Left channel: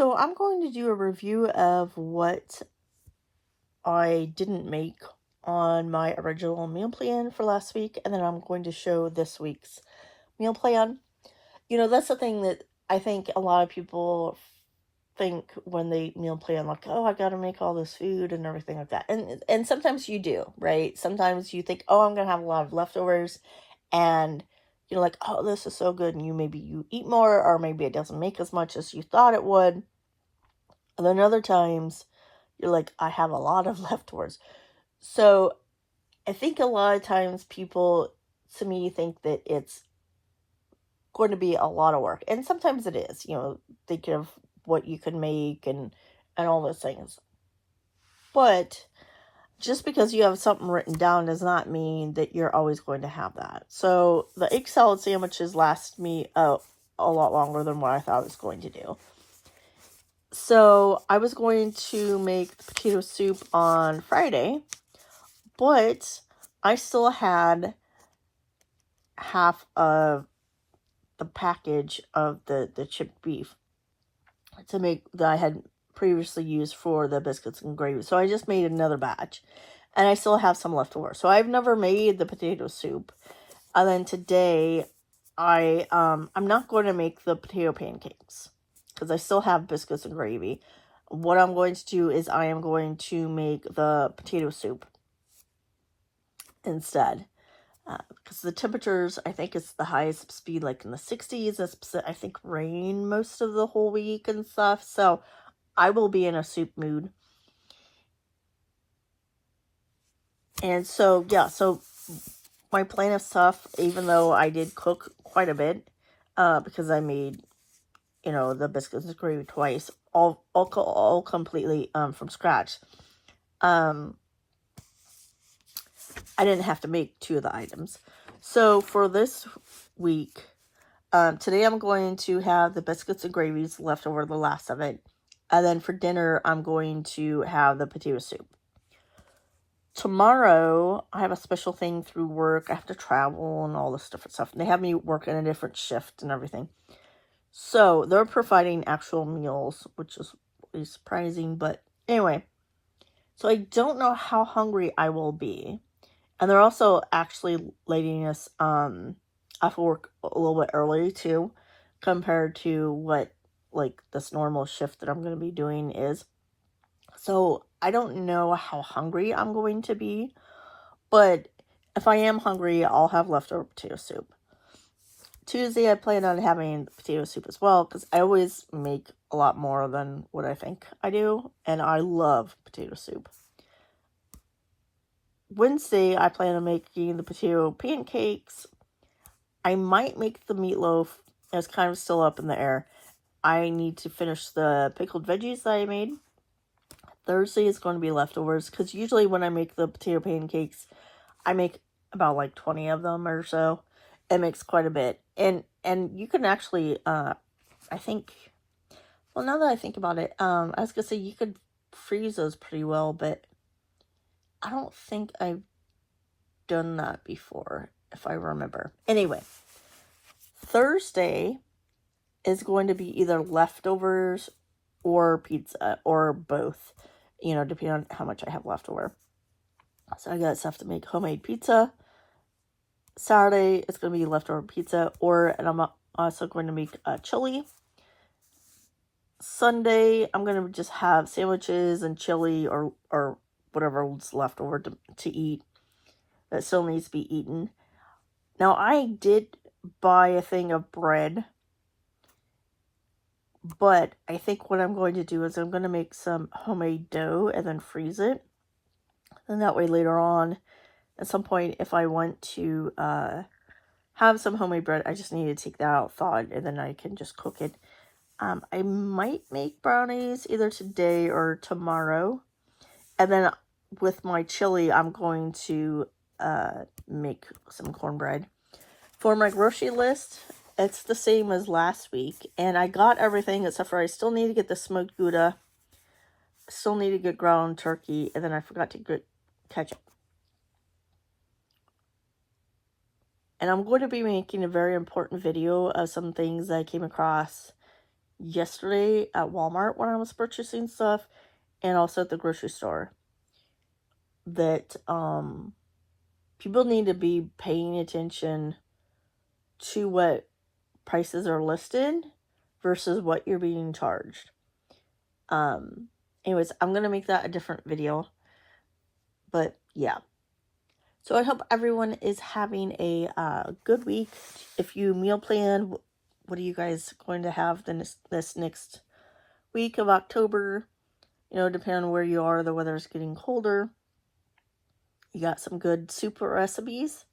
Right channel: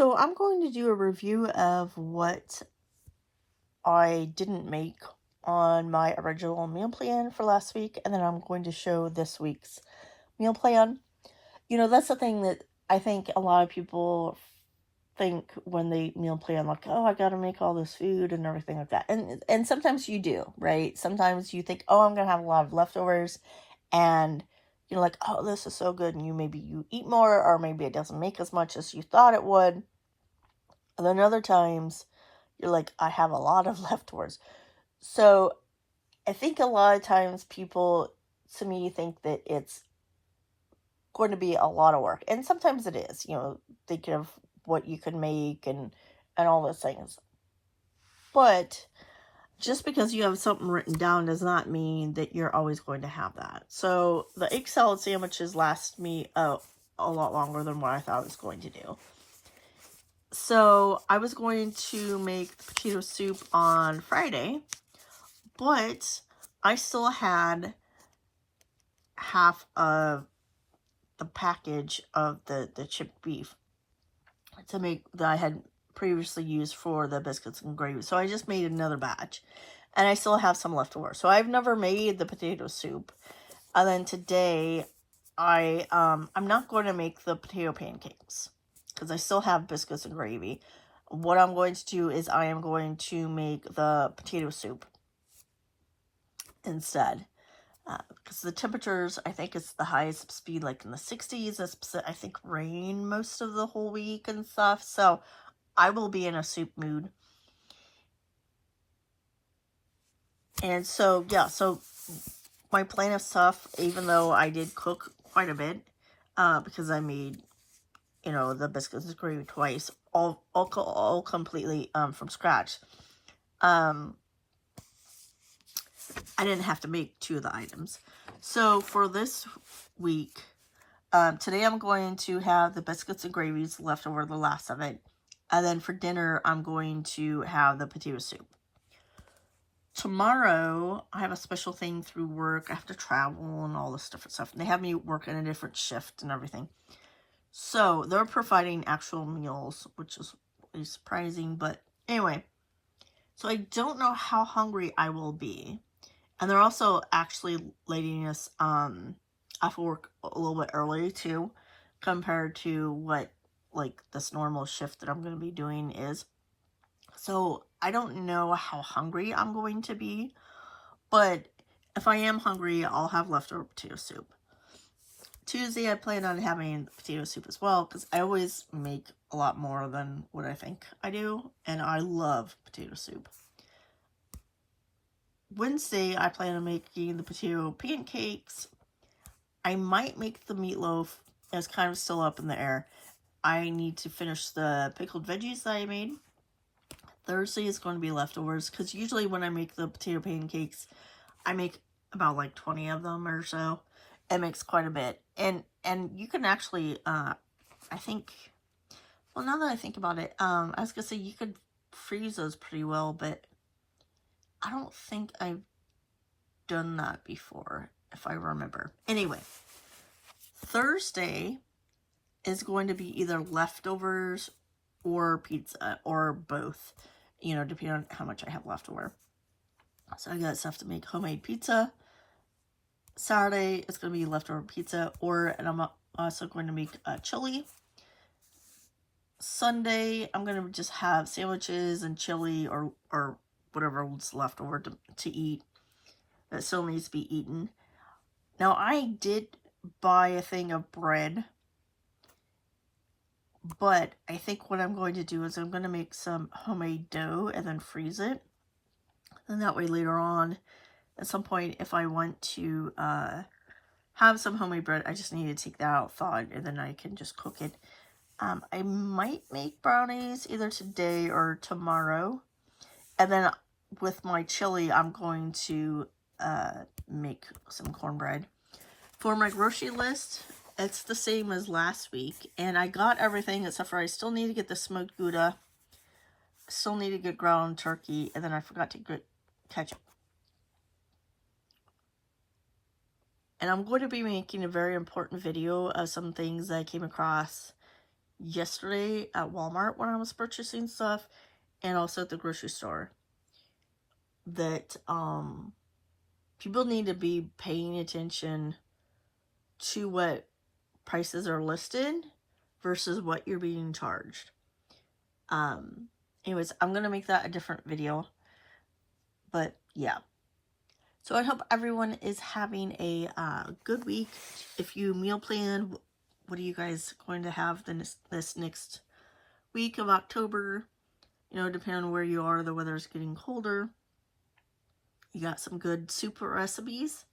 So I'm going to do a review of what I didn't make on my original meal plan for last week, and then I'm going to show this week's meal plan. That's the thing that I think a lot of people think when they meal plan, like, oh, I got to make all this food and everything like that. And sometimes you do, right? Sometimes you think, oh, I'm going to have a lot of leftovers, and you're like, oh, this is so good, and you eat more, or maybe it doesn't make as much as you thought it would. And then other times you're like, I have a lot of leftovers. So I think a lot of times people, to me, think that it's going to be a lot of work. And sometimes it is, think of what you can make and all those things. But just because you have something written down does not mean that you're always going to have that. So the egg salad sandwiches last me a lot longer than what I thought I was going to do. So I was going to make the potato soup on Friday, but I still had half of the package of the chipped beef to make that I had previously used for the biscuits and gravy. So I just made another batch, and I still have some left over. So I've never made the potato soup. And then today I'm not going to make the potato pancakes because I still have biscuits and gravy. What I'm going to do is I am going to make the potato soup instead. Because the temperatures, I think it's the highest speed like in the 60s. It's, I think, rain most of the whole week and stuff. So I will be in a soup mood. And so, yeah, so my plan of stuff, even though I did cook quite a bit, because I made, the biscuits and gravy twice, all completely from scratch. I didn't have to make two of the items. So for this week, today I'm going to have the biscuits and gravies left over, the last of it. And then for dinner, I'm going to have the potato soup. Tomorrow, I have a special thing through work. I have to travel and all this different stuff. And they have me work in a different shift and everything. So they're providing actual meals, which is really surprising. But anyway, so I don't know how hungry I will be. And they're also actually letting us off work a little bit early too, compared to what like this normal shift that I'm going to be doing is. So I don't know how hungry I'm going to be, but if I am hungry, I'll have leftover potato soup. Tuesday, I plan on having potato soup as well, because I always make a lot more than what I think I do, and I love potato soup. Wednesday, I plan on making the potato pancakes. I might make the meatloaf. It's kind of still up in the air. I need to finish the pickled veggies that I made. Thursday is going to be leftovers, because usually when I make the potato pancakes, I make about like 20 of them or so. It makes quite a bit. And you can actually, I think, well, now that I think about it, I was going to say you could freeze those pretty well, but I don't think I've done that before, if I remember. Anyway, Thursday is going to be either leftovers or pizza, or both, depending on how much I have left over. So I got stuff to make homemade pizza. Saturday, it's going to be leftover pizza, and I'm also going to make chili. Sunday, I'm going to just have sandwiches and chili or whatever's left over to eat that still needs to be eaten. Now, I did buy a thing of bread, but I think what I'm going to do is I'm going to make some homemade dough and then freeze it. And that way later on, at some point, if I want to have some homemade bread, I just need to take that out, thaw it, and then I can just cook it. I might make brownies either today or tomorrow. And then with my chili, I'm going to make some cornbread. For my grocery list, it's the same as last week. And I got everything except for I still need to get the smoked Gouda. Still need to get ground turkey. And then I forgot to get ketchup. And I'm going to be making a very important video of some things that I came across yesterday at Walmart when I was purchasing stuff, and also at the grocery store, that people need to be paying attention to what prices are listed versus what you're being charged. Anyways, I'm going to make that a different video. But yeah. So I hope everyone is having a good week. If you meal plan, what are you guys going to have this next week of October? You know, depending on where you are, the weather's getting colder. You got some good soup recipes.